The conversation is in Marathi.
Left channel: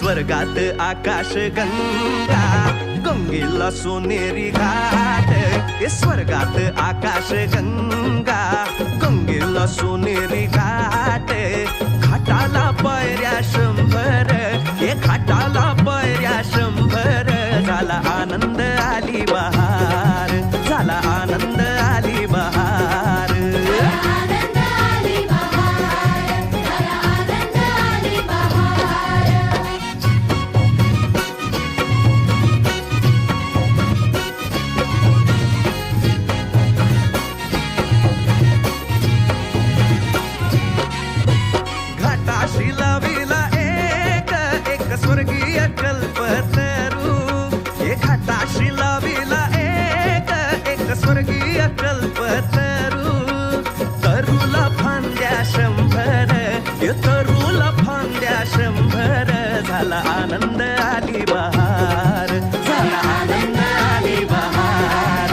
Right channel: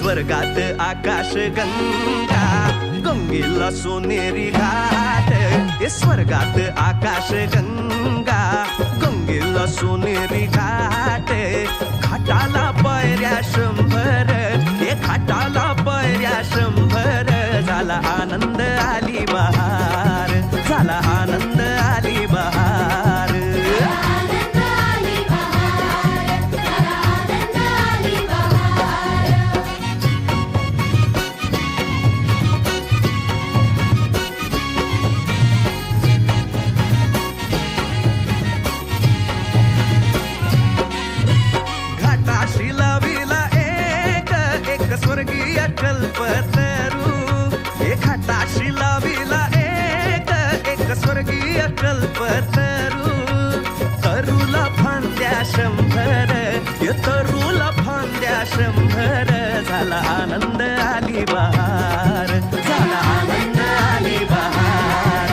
स्वर्गात आकाश गंगा, गंगेला सोनेरी घाट. स्वर्गात आकाश गंगा, गंगेला सोनेरी घाट. घाटाला पायऱ्या 100, घाटाला पायऱ्या 100. झाला आनंद आली बहार, झाला आनंद आली बहार. घाटाशी लाविला एक स्वर्गीय कल्पतरू. घाटाशी लाविला एक स्वर्गीय कल्पतरू. तरुला फांद्या 100, तरुला फांद्या 100. झाला आनंद आली बहार, झाला आनंद आली बहार.